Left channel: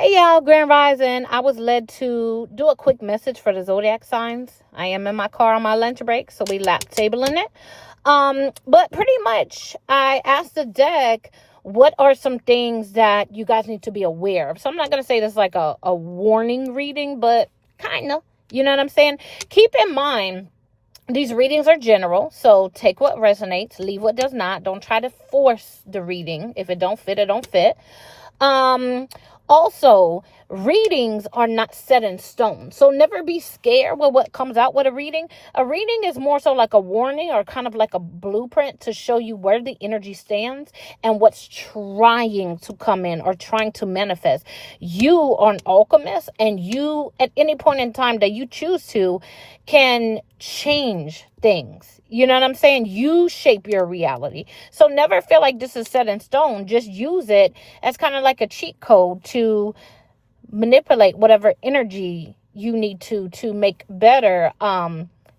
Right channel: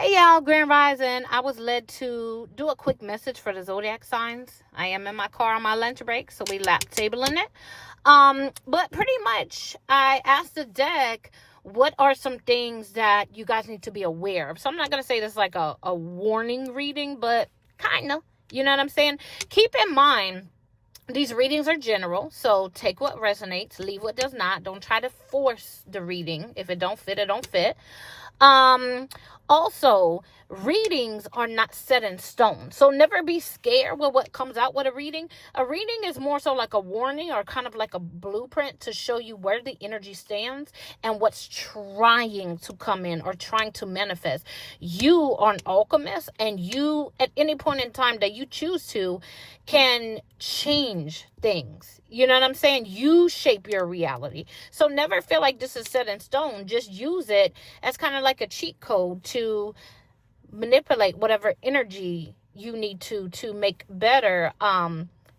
Hey y'all, Grand Rising. I was led to do a quick message for the zodiac signs. I am in my car on my lunch break, so we lap tabling it. But pretty much I asked the deck, what are some things that you guys need to be aware of? So I'm not gonna say this like a warning reading, but kinda. You know what I'm saying? Keep in mind these readings are general, so take what resonates, leave what does not. Don't try to force the reading. If it don't fit, it don't fit. Um, Also, readings are not set in stone. So never be scared with what comes out with a reading. A reading is more so like a warning or kind of like a blueprint to show you where the energy stands and what's trying to come in or trying to manifest. You are an alchemist, and you, at any point in time that you choose to, can change things. You know what I'm saying? You shape your reality. So never feel like this is set in stone. Just use it as kind of like a cheat code to manipulate whatever energy you need to make better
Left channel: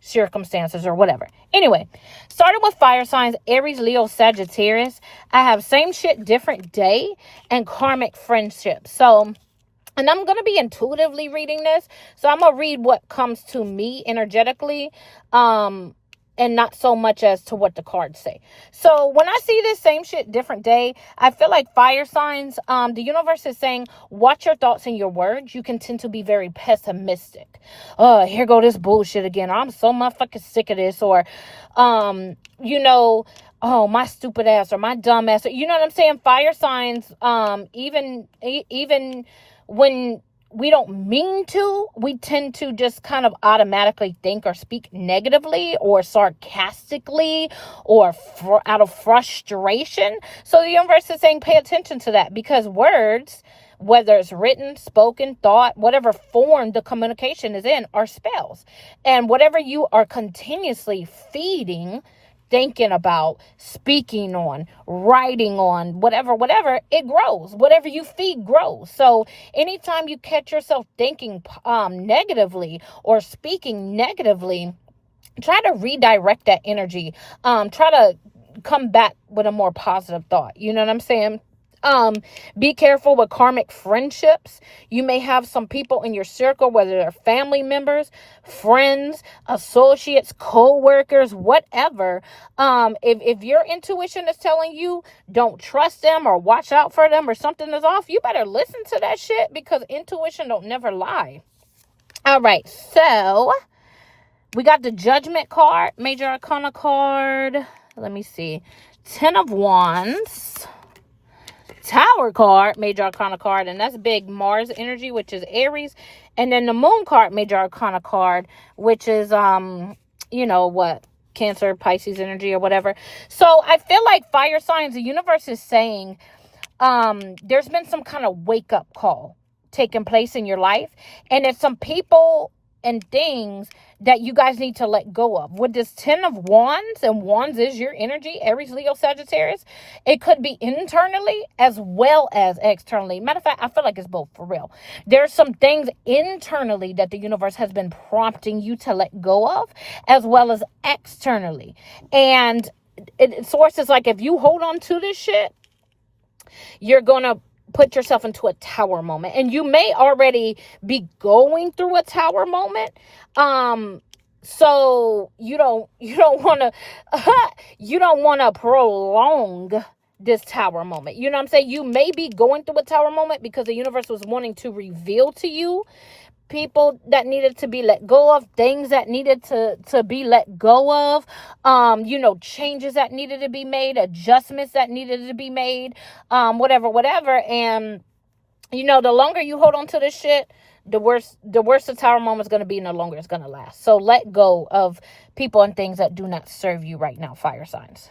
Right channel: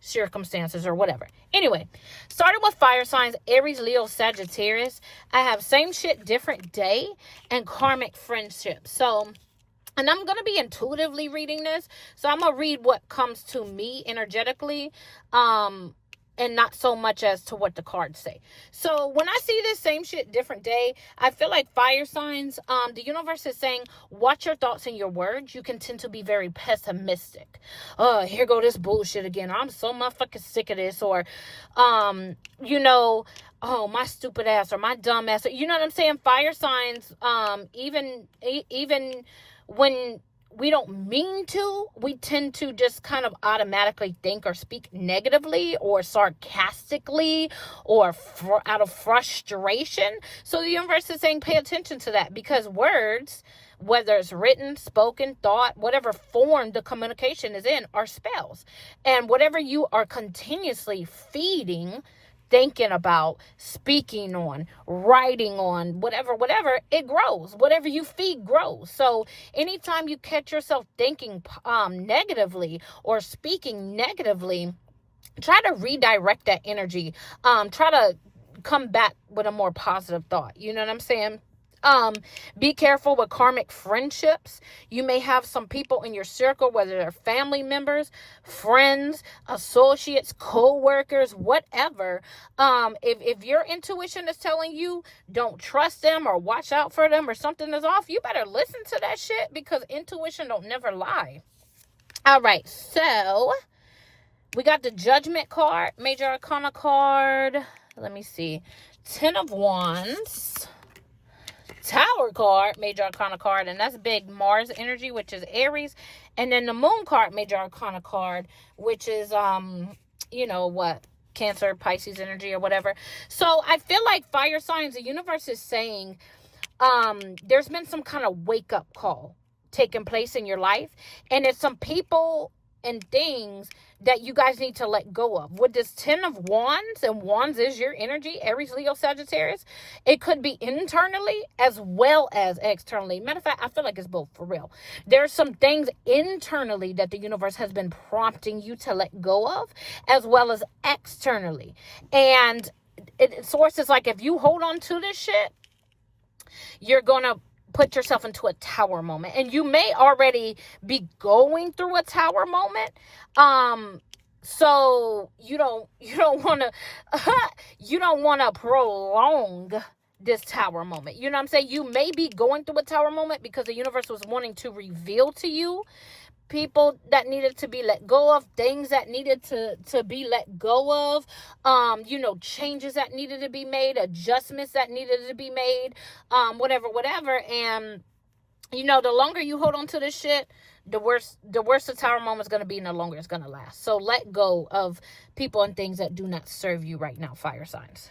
circumstances or whatever. Anyway, starting with fire signs, Aries, Leo, Sagittarius. I have same shit, different day, and karmic friendship. So, and I'm going to be intuitively reading this. So I'm going to read what comes to me energetically. And not so much as to what the cards say. So when I see this same shit, different day, I feel like fire signs, the universe is saying, watch your thoughts and your words. You can tend to be very pessimistic. Here go this bullshit again. I'm so motherfucking sick of this. Or, oh, my stupid ass or my dumb ass. You know what I'm saying? Fire signs, even when we don't mean to, we tend to just kind of automatically think or speak negatively or sarcastically or out of frustration. So the universe is saying, pay attention to that, because words, whether it's written, spoken, thought, whatever form the communication is in, are spells. And whatever you are continuously feeding, thinking about, speaking on, writing on, whatever, it grows. Whatever you feed grows. So anytime you catch yourself thinking negatively or speaking negatively, try to redirect that energy. Try to come back with a more positive thought. You know what I'm saying? Be careful with karmic friendships. You may have some people in your circle, whether they're family members, friends, associates, co-workers, whatever. If your intuition is telling you don't trust them or watch out for them or something is off, you better listen to that shit, because intuition don't never lie. All right, so we got the Judgment card, Major Arcana card. Let me see. 10 of Wands. Tower card, Major Arcana card, and that's big Mars energy, which is Aries. And then the Moon card, Major Arcana card, which is Cancer, Pisces energy or whatever. So I feel like fire signs, the universe is saying there's been some kind of wake up call taking place in your life, and it's some people and things that you guys need to let go of. With this 10 of Wands, and Wands is your energy, Aries, Leo, Sagittarius, it could be internally as well as externally. Matter of fact, I feel like it's both, for real. There's some things internally that the universe has been prompting you to let go of, as well as externally. And source is like, if you hold on to this shit, you're going to put yourself into a tower moment. And you may already be going through a tower moment. So you don't want to prolong this tower moment. You know what I'm saying? You may be going through a tower moment because the universe was wanting to reveal to you people that needed to be let go of, things that needed to be let go of, changes that needed to be made, adjustments that needed to be made, whatever. And, the longer you hold on to this shit, the worse the tower moment is going to be, and the longer it's going to last. So let go of people and things that do not serve you right now, fire signs.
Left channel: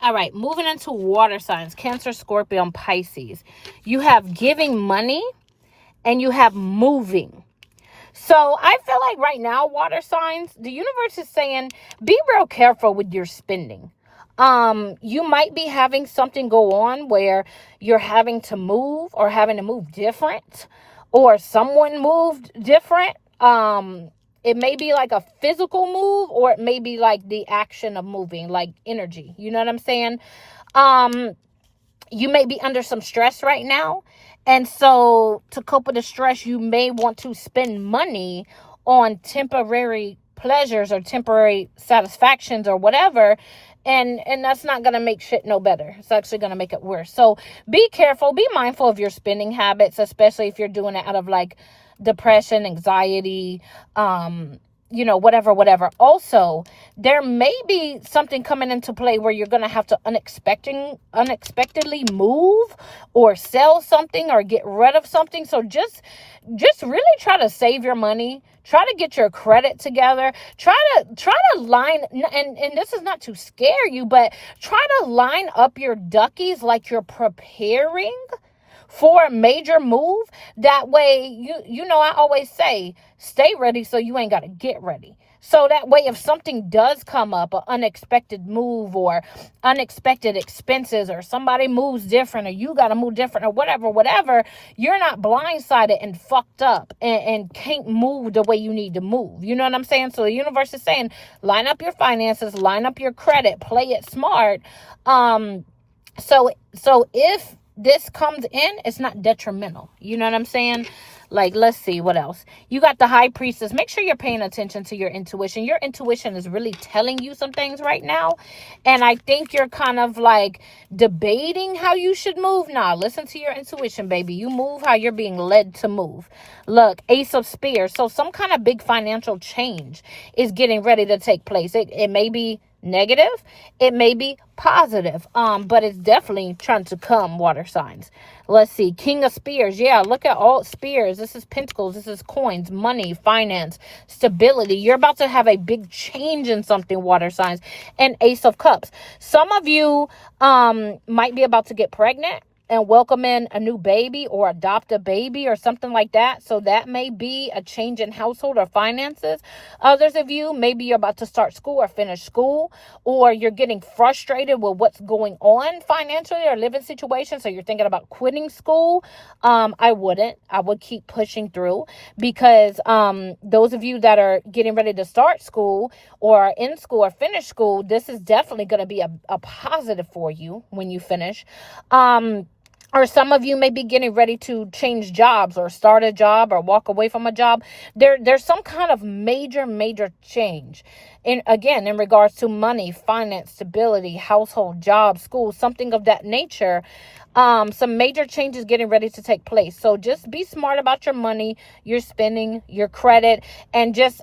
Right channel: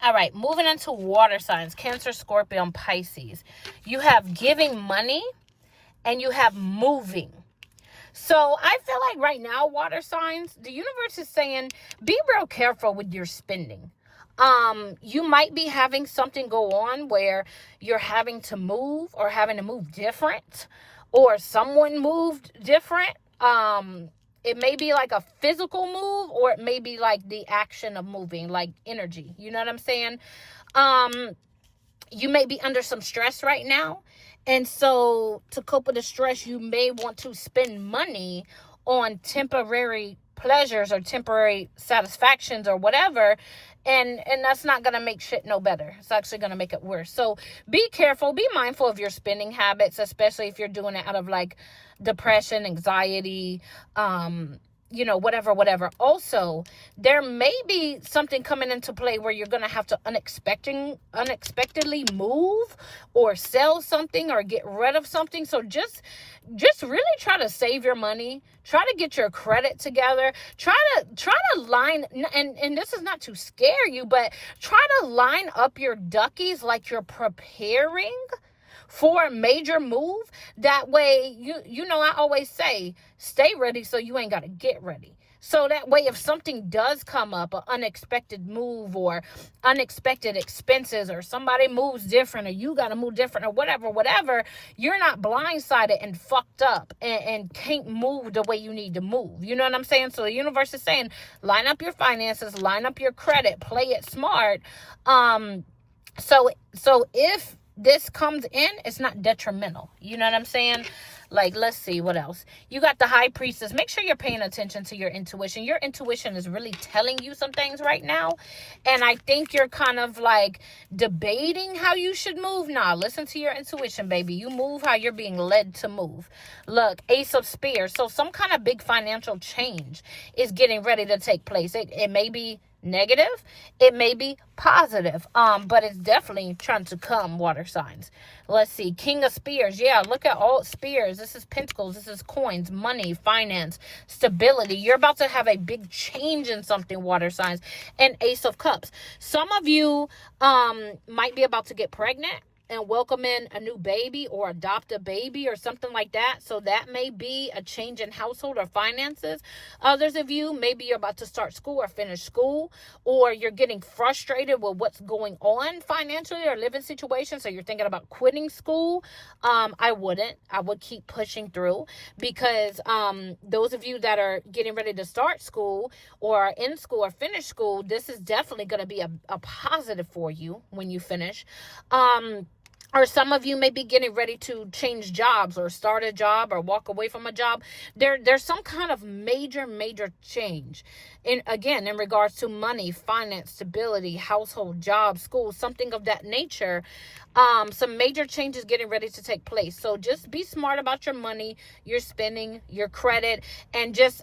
All right, moving into water signs, Cancer, Scorpio, and Pisces. You have giving money and you have moving. So I feel like right now, water signs, the universe is saying, be real careful with your spending. You might be having something go on where you're having to move or having to move different, or someone moved different. It may be like a physical move, or it may be like the action of moving, like energy. You know what I'm saying? You may be under some stress right now, And so to cope with the stress, you may want to spend money on temporary pleasures or temporary satisfactions or whatever. And that's not going to make shit no better. It's actually going to make it worse. So be careful, be mindful of your spending habits, especially if you're doing it out of like depression, anxiety, whatever. Also, there may be something coming into play where you're going to have to unexpectedly move or sell something or get rid of something. So just really try to save your money. Try to get your credit together. Try to line, and this is not to scare you, but try to line up your duckies like you're preparing for a major move. That way, I always say, stay ready so you ain't got to get ready. So that way, if something does come up, an unexpected move or unexpected expenses, or somebody moves different, or you got to move different, or whatever, you're not blindsided and fucked up and can't move the way you need to move. You know what I'm saying? So the universe is saying, line up your finances, line up your credit, play it smart. So if this comes in, it's not detrimental. You know what I'm saying? Like, let's see what else. You got the High Priestess. Make sure you're paying attention to your intuition. Your intuition is really telling you some things right now. And I think you're kind of like debating how you should move. Nah, listen to your intuition, baby. You move how you're being led to move. Look, Ace of Spears. So some kind of big financial change is getting ready to take place. It may be negative, it may be positive, but it's definitely trying to come, water signs. Let's see, King of Spears. Yeah, look at all spears. This is pentacles, this is coins, money, finance, stability. You're about to have a big change in something, water signs. And Ace of Cups. Some of you might be about to get pregnant and welcome in a new baby or adopt a baby or something like that. So that may be a change in household or finances. Others of you, maybe you're about to start school or finish school, or you're getting frustrated with what's going on financially or living situations. So you're thinking about quitting school. I wouldn't. I would keep pushing through, because those of you that are getting ready to start school or are in school or finish school, this is definitely going to be a positive for you when you finish. Or some of you may be getting ready to change jobs or start a job or walk away from a job. There's some kind of major change. In regards to money, finance, stability, household, job, school, something of that nature. Some major changes getting ready to take place. So just be smart about your money, your spending, your credit, and just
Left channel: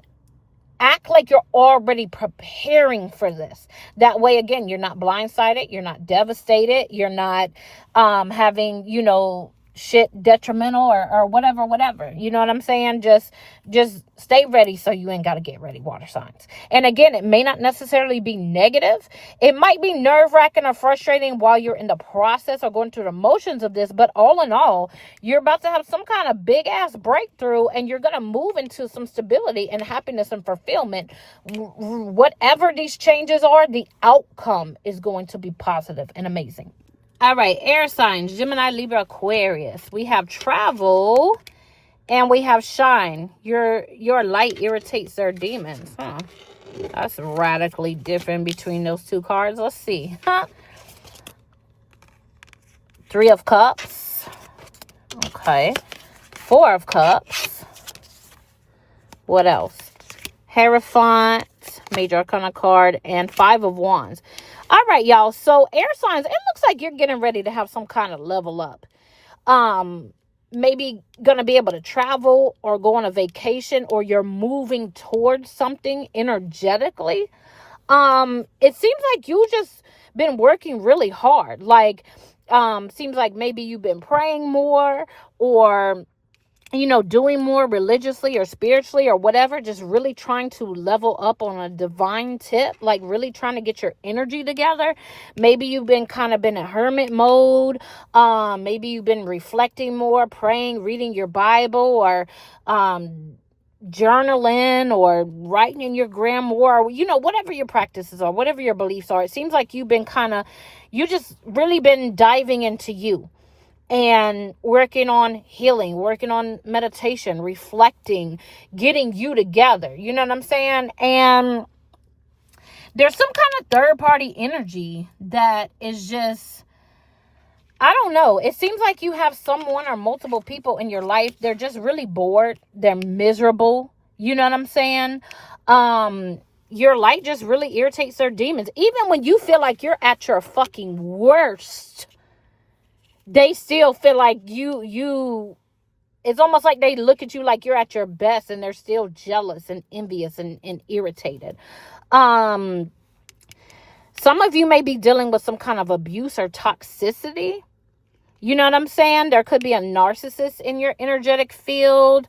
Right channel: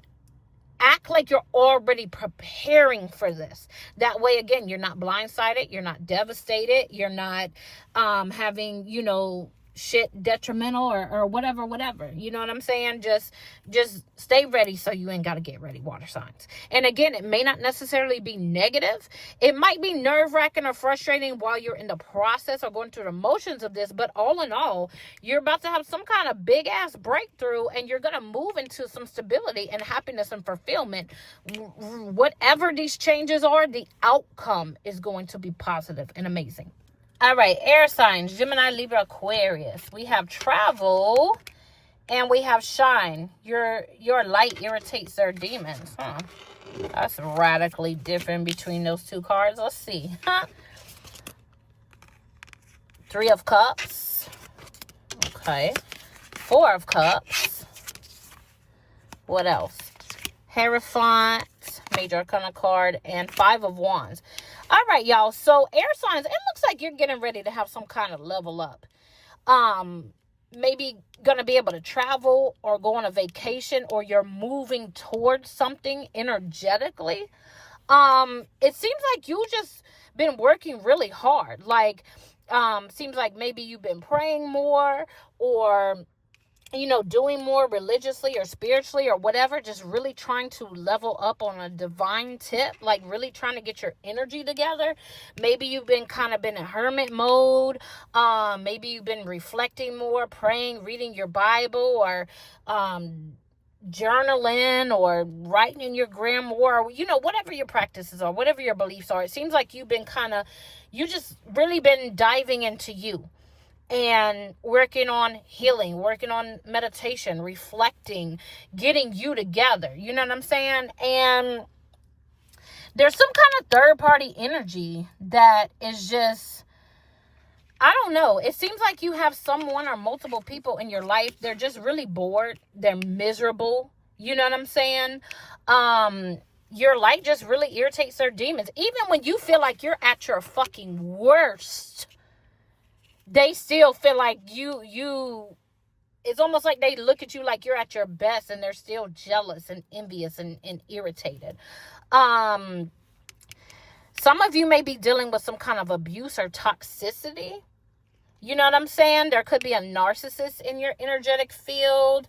act like you're already preparing for this. That way, again, you're not blindsided, you're not devastated, you're not having, shit detrimental or whatever. You know what I'm saying? Just stay ready so you ain't got to get ready, water signs. And again, it may not necessarily be negative. It might be nerve-wracking or frustrating while you're in the process or going through the motions of this, but all in all, you're about to have some kind of big ass breakthrough, and you're going to move into some stability and happiness and fulfillment. Whatever these changes are, the outcome is going to be positive and amazing. All right, air signs, Gemini, Libra, Aquarius. We have travel and we have shine. Your light irritates their demons. That's radically different between those two cards. Let's see. Three of Cups. Okay. Four of Cups. What else? Hierophant, Major Arcana card, and Five of Wands. All right, y'all. So air signs, it looks like you're getting ready to have some kind of level up. Maybe going to be able to travel or go on a vacation, or you're moving towards something energetically. It seems like you just been working really hard. Like, seems like maybe you've been praying more, or doing more religiously or spiritually or whatever, just really trying to level up on a divine tip, like really trying to get your energy together. Maybe you've been in hermit mode. Maybe you've been reflecting more, praying, reading your Bible, or journaling, or writing in your grimoire, or, whatever your practices are, whatever your beliefs are. It seems like you've been you just really been diving into you and working on healing, working on meditation, reflecting, getting you together. You know what I'm saying? And there's some kind of third party energy that is just I don't know. It seems like you have someone or multiple people in your life. They're just really bored. They're miserable. You know what I'm saying? Your light just really irritates their demons. Even when you feel like you're at your fucking worst, they still feel like you it's almost like they look at you like you're at your best, and they're still jealous and envious and irritated. Some of you may be dealing with some kind of abuse or toxicity. You know what I'm saying? There could be a narcissist in your energetic field.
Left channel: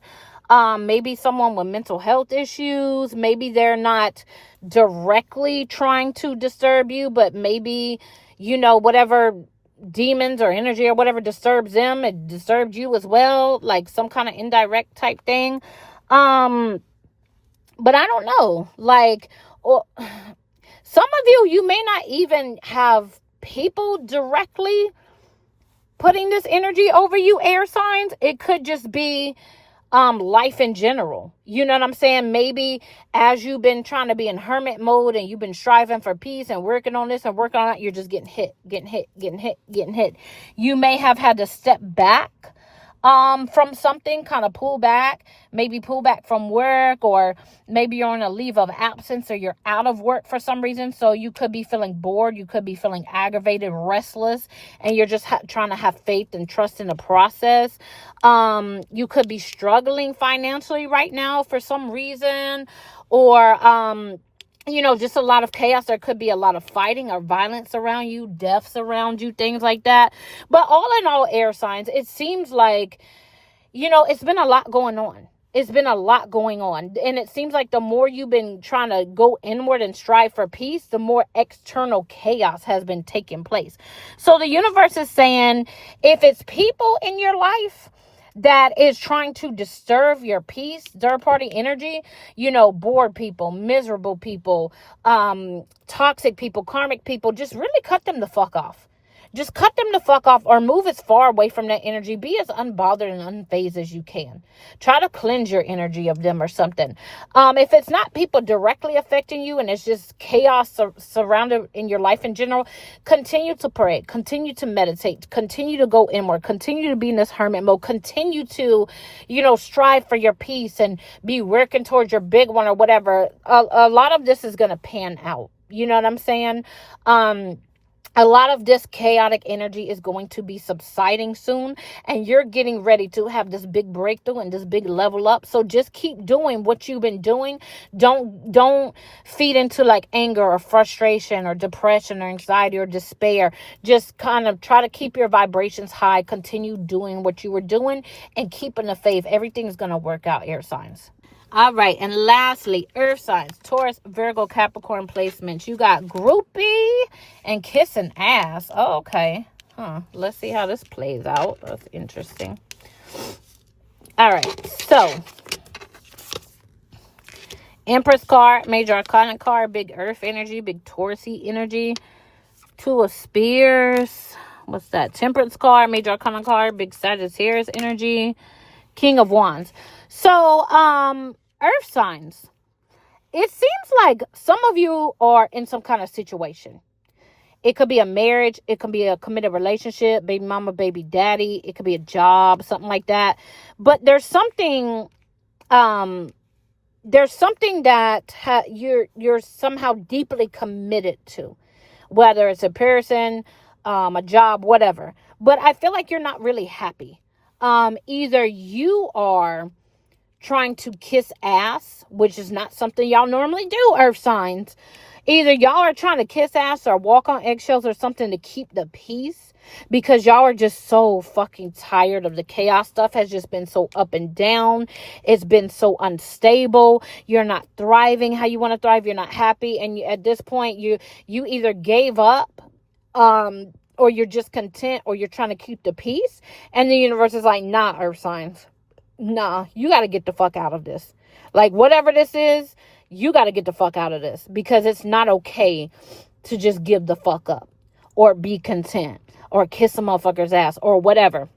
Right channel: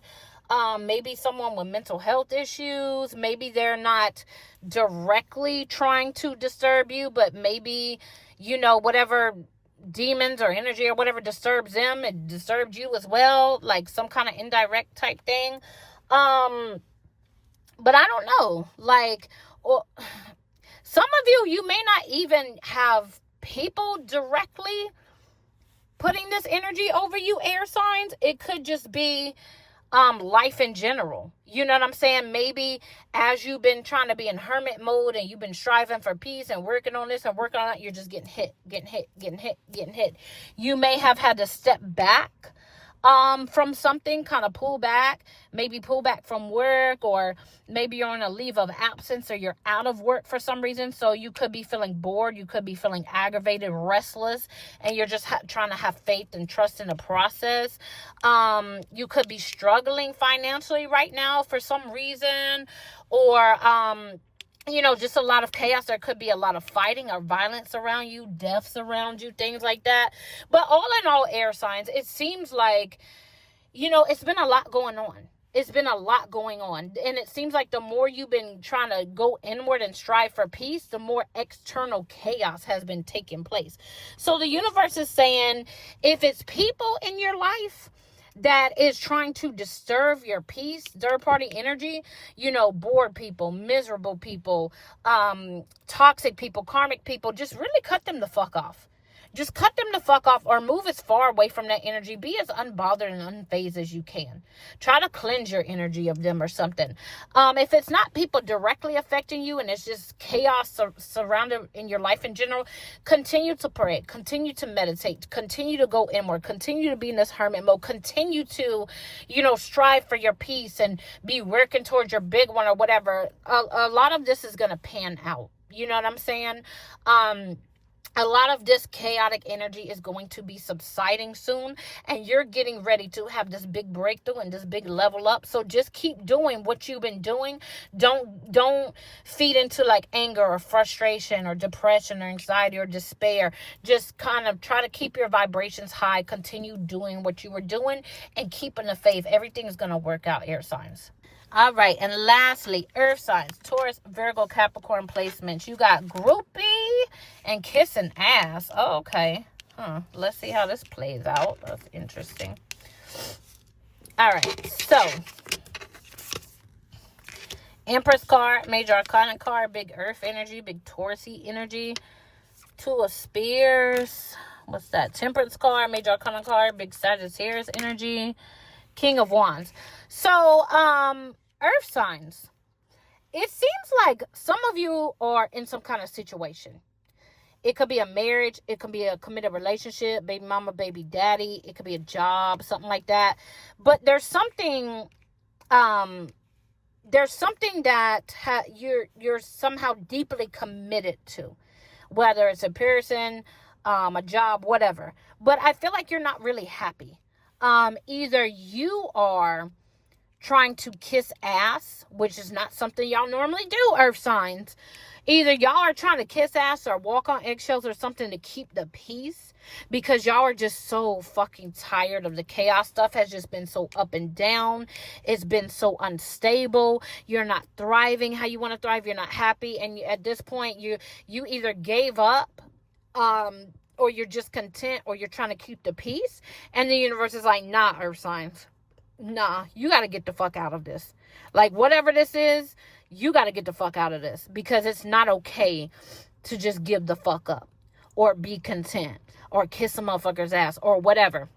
Maybe someone with mental health issues. Maybe they're not directly trying to disturb you, but maybe, whatever demons or energy or whatever disturbs them, it disturbed you as well, like some kind of indirect type thing. But I don't know. Some of you may not even have people directly putting this energy over you, air signs. It could just be life in general. You know what I'm saying? Maybe as you've been trying to be in hermit mode and you've been striving for peace and working on this and working on that, you're just getting hit. You may have had to step back from something, kind of pull back from work, or maybe you're on a leave of absence or you're out of work for some reason. So you could be feeling bored. You could be feeling aggravated, restless, and you're just trying to have faith and trust in the process. You could be struggling financially right now for some reason, or, just a lot of chaos. There could be a lot of fighting or violence around you, deaths around you, things like that. But all in all, air signs, it seems like, it's been a lot going on. It's been a lot going on. And it seems like the more you've been trying to go inward and strive for peace, the more external chaos has been taking place. So the universe is saying, if it's people in your life that is trying to disturb your peace, third party energy, bored people, miserable people, toxic people, karmic people, just really cut them the fuck off. Just cut them the fuck off, or move as far away from that energy. Be as unbothered and unfazed as you can. Try to cleanse your energy of them or something. If it's not people directly affecting you and it's just chaos surrounded in your life in general, continue to pray. Continue to meditate. Continue to go inward. Continue to be in this hermit mode. Continue to, strive for your peace and be working towards your big one or whatever. A lot of this is going to pan out. You know what I'm saying? A lot of this chaotic energy is going to be subsiding soon, and you're getting ready to have this big breakthrough and this big level up. So just keep doing what you've been doing. Don't feed into like anger or frustration or depression or anxiety or despair. Just kind of try to keep your vibrations high. Continue doing what you were doing and keeping the faith. Everything's going to work out, air signs. All right, and lastly, earth signs, Taurus, Virgo, Capricorn placements. You got groupie and kissing ass. Oh, okay. Let's see how this plays out. That's interesting. All right, so Empress card, Major Arcana card, big earth energy, big Taurusy energy. Two of Spears. What's that? Temperance card, Major Arcana card, big Sagittarius energy. King of Wands. So, earth signs. It seems like some of you are in some kind of situation. It could be a marriage. It could be a committed relationship, baby mama, baby daddy. It could be a job, something like that. But there's something, that you're somehow deeply committed to, whether it's a person, a job, whatever. But I feel like you're not really happy. Either you are trying to kiss ass, which is not something y'all normally do, earth signs. Either y'all are trying to kiss ass or walk on eggshells or something to keep the peace, because y'all are just so fucking tired of the chaos. Stuff has just been so up and down. It's been so unstable. You're not thriving how you want to thrive. You're not happy. And at this point, you either gave up, or you're just content, or you're trying to keep the peace. And the universe is like, nah, earth signs. Nah, you got to get the fuck out of this. Like, whatever this is, you got to get the fuck out of this, because it's not okay to just give the fuck up or be content or kiss a motherfucker's ass or whatever.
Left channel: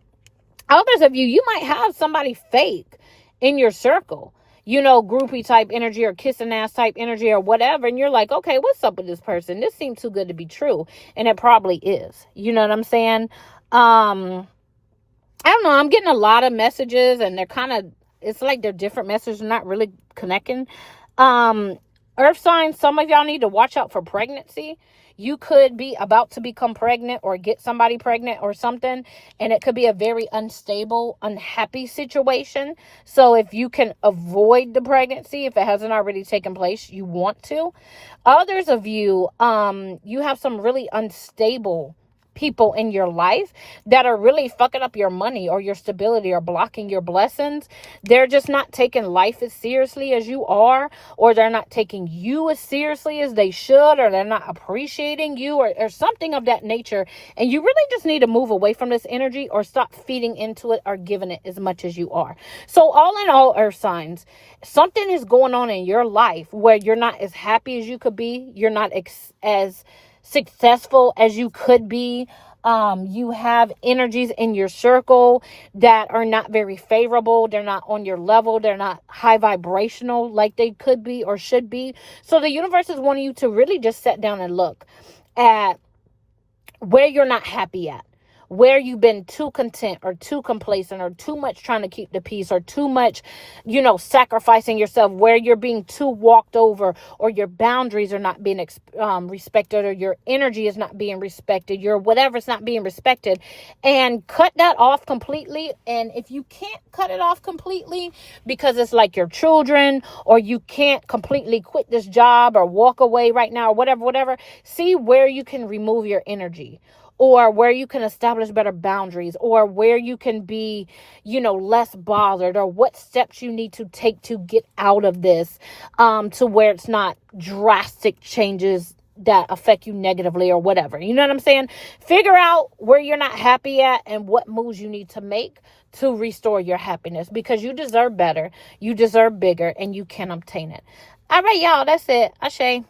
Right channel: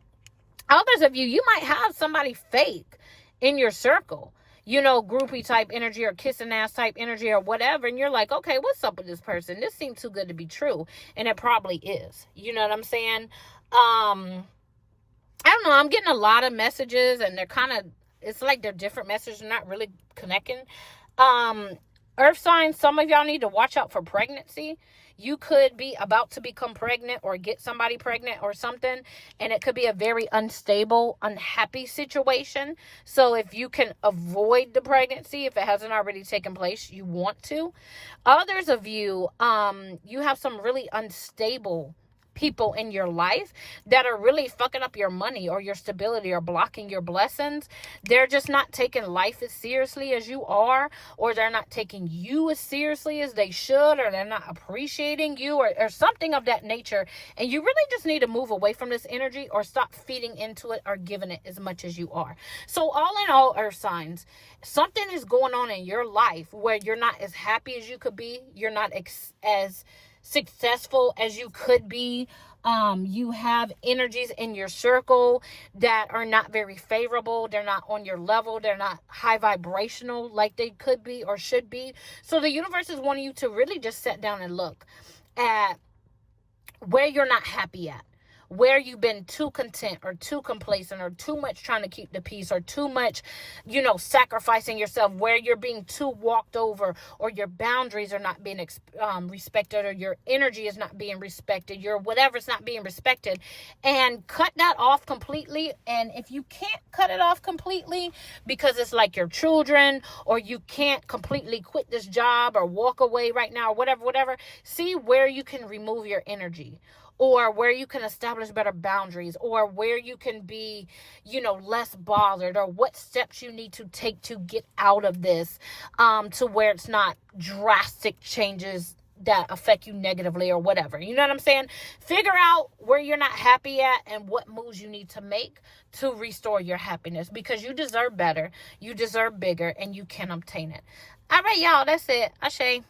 Others of you might have somebody fake in your circle, groupie type energy or kissing ass type energy or whatever. And you're like, okay, what's up with this person? This seems too good to be true. And it probably is. You know what I'm saying? I don't know. I'm getting a lot of messages, and they're kind of, it's like they're different messages, not really connecting. Earth signs, some of y'all need to watch out for pregnancy. You could be about to become pregnant or get somebody pregnant or something, and it could be a very unstable, unhappy situation. So if you can avoid the pregnancy, if it hasn't already taken place, you want to. Others of you, you have some really unstable people in your life that are really fucking up your money or your stability or blocking your blessings. They're just not taking life as seriously as you are, or they're not taking you as seriously as they should, or they're not appreciating you, or something of that nature. And you really just need to move away from this energy or stop feeding into it or giving it as much as you are. So all in all, earth signs, something is going on in your life where you're not as happy as you could be. You're not as successful as you could be. You have energies in your circle that are not very favorable. They're not on your level. They're not high vibrational like they could be or should be. So the universe is wanting you to really just sit down and look at where you're not happy at, where you've been too content or too complacent or too much trying to keep the peace or too much, sacrificing yourself, where you're being too walked over, or your boundaries are not being respected, or your energy is not being respected, your whatever's not being respected, and cut that off completely. And if you can't cut it off completely because it's like your children, or you can't completely quit this job or walk away right now or whatever, see where you can remove your energy, or where you can establish better boundaries, or where you can be, less bothered, or what steps you need to take to get out of this, to where it's not drastic changes that affect you negatively or whatever. You know what I'm saying? Figure out where you're not happy at and what moves you need to make to restore your happiness, because you deserve better, you deserve bigger, and you can obtain it. All right, y'all, that's it. Ashe.